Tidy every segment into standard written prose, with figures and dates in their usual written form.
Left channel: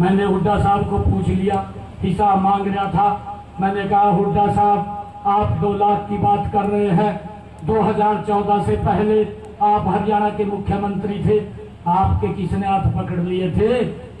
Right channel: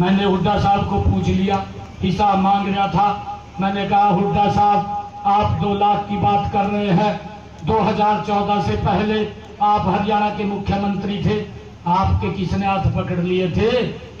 मैंने हुड्डा साहब को पूछ लिया, हिसाब मांग रहा था। मैंने कहा हुड्डा साहब, आप 2 लाख की बात कर रहे हैं, 2014 से पहले आप हरियाणा के मुख्यमंत्री थे, आपके किसने हाथ पकड़ लिए थे?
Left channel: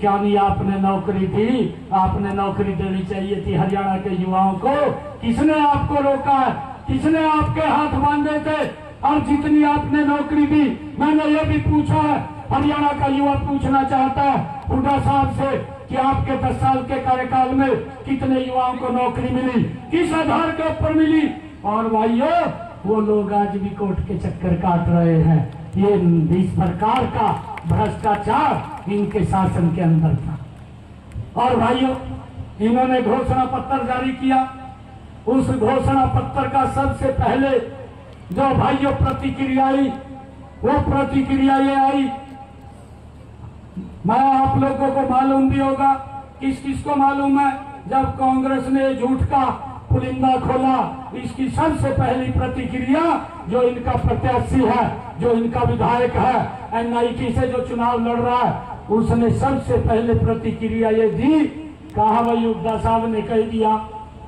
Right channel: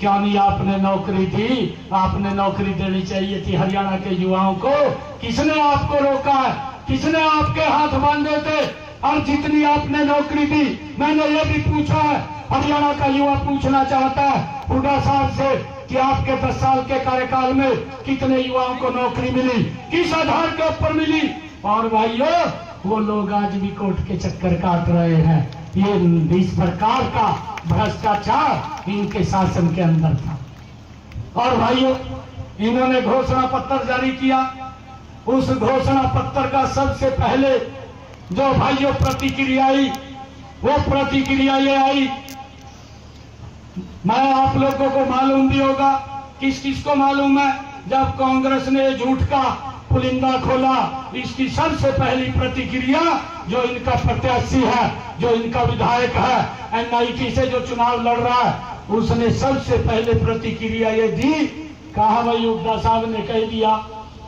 क्या नहीं आपने नौकरी दी? आपने नौकरी देनी चाहिए थी हरियाणा के युवाओं को। किसने आपको रोका है? किसने आपके हाथ बांधे थे? और जितनी आपने नौकरी दी, मैंने ये भी पूछा है, हरियाणा का युवा पूछना चाहता है हुड्डा साहब से कि आपके 10 साल के कार्यकाल में कितने युवाओं को नौकरी मिली, किस आधार के ऊपर मिली? और भाइयों, वो लोग आज भी कोर्ट के चक्कर काट रहे हैं। ये इस प्रकार का भ्रष्टाचार इनके शासन के अंदर था। और भाइयों, इन्होंने घोषणा पत्र जारी किया। उस घोषणा पत्र का सबसे पहले जो भाइयों प्रतिक्रिया आई, वो प्रतिक्रिया ये आई, मैं आप लोगों को मालूम भी होगा, किस किस को मालूम है, जब कांग्रेस ने झूठ का पुलिंदा खोला, इसकी सबसे पहली प्रतिक्रिया जो इनका प्रत्याशी है, जो इनका विधायक है, NIT से जो चुनाव लड़ रहा है, उसने सबसे पहले प्रतिक्रिया ये दी। कहा भाई हुड्डा साहब ने कह दिया,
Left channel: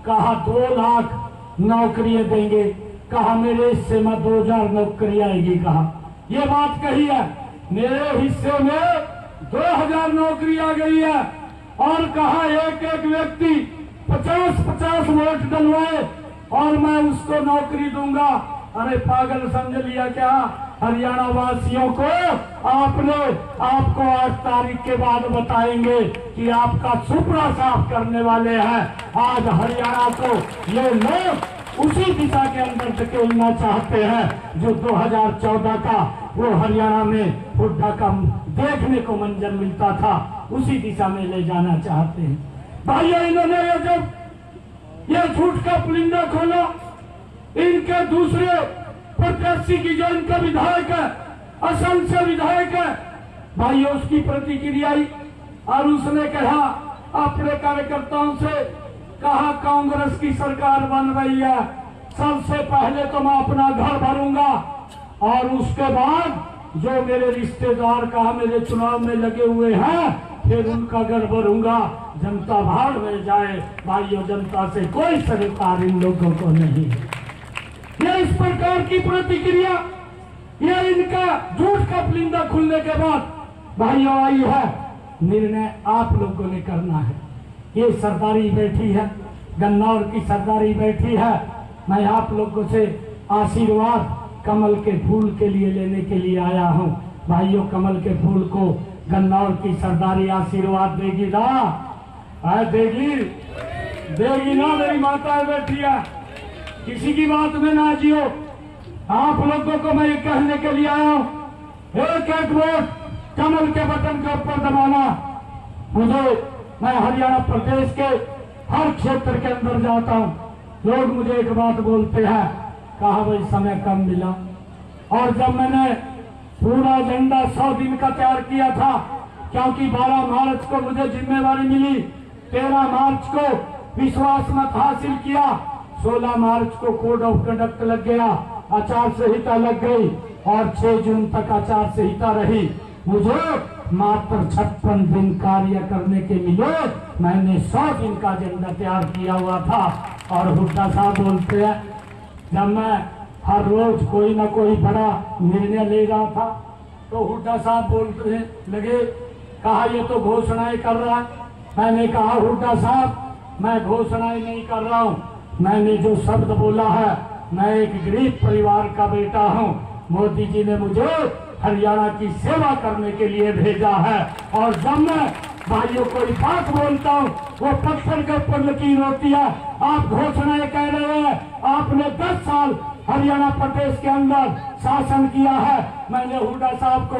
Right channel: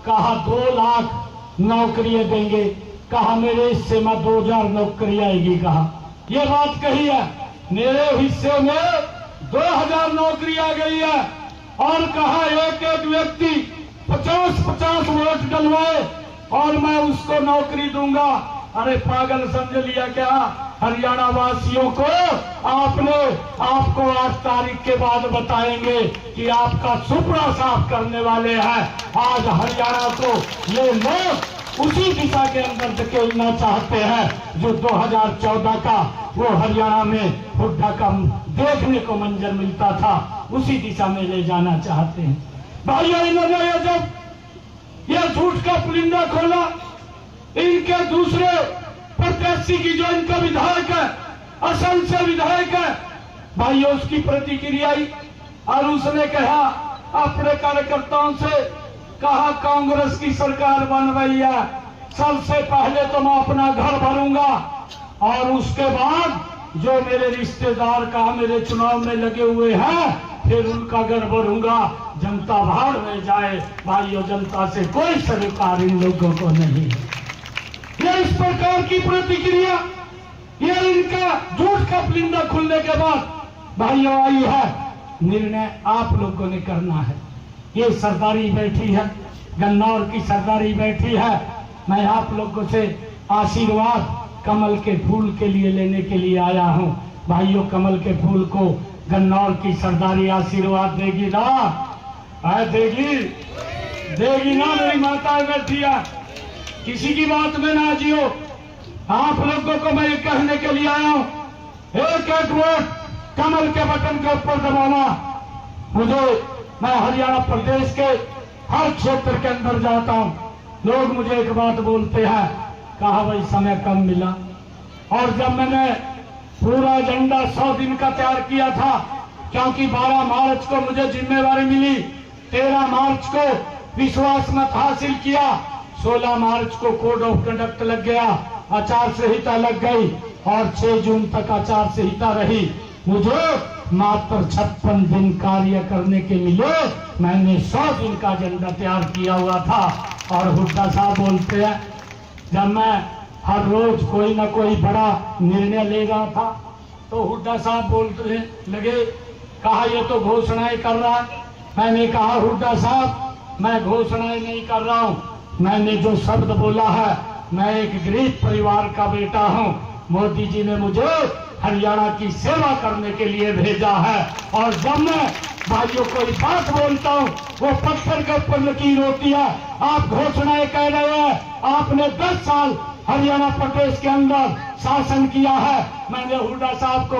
कहा 2 लाख नौकरियां देंगे, कहा मेरे हिस्से में 2000 नौकरी आएगी। कहा ये बात कही है, मेरे हिस्से में 2000 नौकरी आ गई है। और कहा एक एक व्यक्ति 50-50 वोट डलवाए और मैं उसको नौकरी दूंगा। अरे पागल समझ लिया क्या हरियाणा वासियों को? आपको 8 तारीख के बाद बताएंगे कि आपका सुपड़ा साफ करने वाले हैं। आज हरियाणा को ये लोग उसी दिशा के अंदर धकेलना चाहते हैं जो 2014 का वो हरियाणा में हुड्डा का देखने को मंजर मिलता था, उसी दिशा में ले जाना चाहते हैं। भाइयों, इन्होंने जब ये झूठ का पुलिंदा खोला, इनके दूसरे प्रत्याशी की जो इनका विधायक है, असम से विधायक है, भाइयों उसकी प्रतिक्रिया आई और उसने कहा अपने कार्यकर्ताओं से, कहा कांग्रेस की सरकार बन रही है, सबसे पहले तो मैं अपना घर भरूंगा और उसके बाद जो मेरे रिश्तेदार कहा मेरे चुनाव में लगे हुए हैं फिर उनका घर भरूंगा। जनता भाड़ में जाए। भाइयों, जनता से कोई सरकार इन लोगों को नहीं है। ये इस प्रकार की प्रतिक्रिया, ये इनका झूठ का पुलिंदा खुलने के बाद भाइयों आई है। निर्णय आप लोगों ने करना है। ये सरदारी बैठी है, गन्नौर की सरदारी बैठी है। मैं आप लोगों से आशीर्वाद कमल के फूल के लिए लेने के लिए आया हूं। भाइयों, कमल के फूल को गन्नौर की सरदारी आशीर्वाद देगी ना? देगी ना? मेरी माता बैठी है, किसी की बात में ना जियो। आप लोगों को मैं ये कहने के लिए आया हूं, एक एक वोट कमल के बटन के ऊपर दबाना। मैं हरियाणा प्रदेश के हर क्षेत्र के अंदर जाता हूं, लोग मुझे एक बात बोलते हैं, कहा भाई समय कम मिला। और जब मैंने पूरा एजेंडा 100 दिन का तैयार किया था, क्योंकि 12 मार्च को मुझे जिम्मेवारी मिली, 13 मार्च को विश्वास मत हासिल किया, 16 मार्च को कोड ऑफ कंडक्ट लग गया, आचार संहिता लग गई और 6 जून तक आचार संहिता रही। मुझे मात्र 56 दिन कार्य करने के मिले। मैंने 100 दिन का एजेंडा तैयार किया हुआ था। और हुड्डा साहब बोलते हैं, जब मैं हर रोज कोई ना कोई बड़ा निर्णय ले रहा था तो हुड्डा साहब बोलते लगे, कहा ये तो घोषणाएं कर रहा है। मैंने कहा हुड्डा साहब, मैं घोषणाएं नहीं कर रहा हूं, मैंने जो शब्द बोला है, मैं एक गरीब परिवार का बेटा हूं। मोदी जी ने मुझे हरियाणा की सेवा करने के लिए भेजा है। और जब मैं भाइयों कोई बात बोलता हूं, वो पत्थर के ऊपर लकीर होती है। आप घोषणाएं कह रहे हैं, आपने 10 साल हरियाणा प्रदेश के अंदर शासन किया है। मैंने हुड्डा साहब को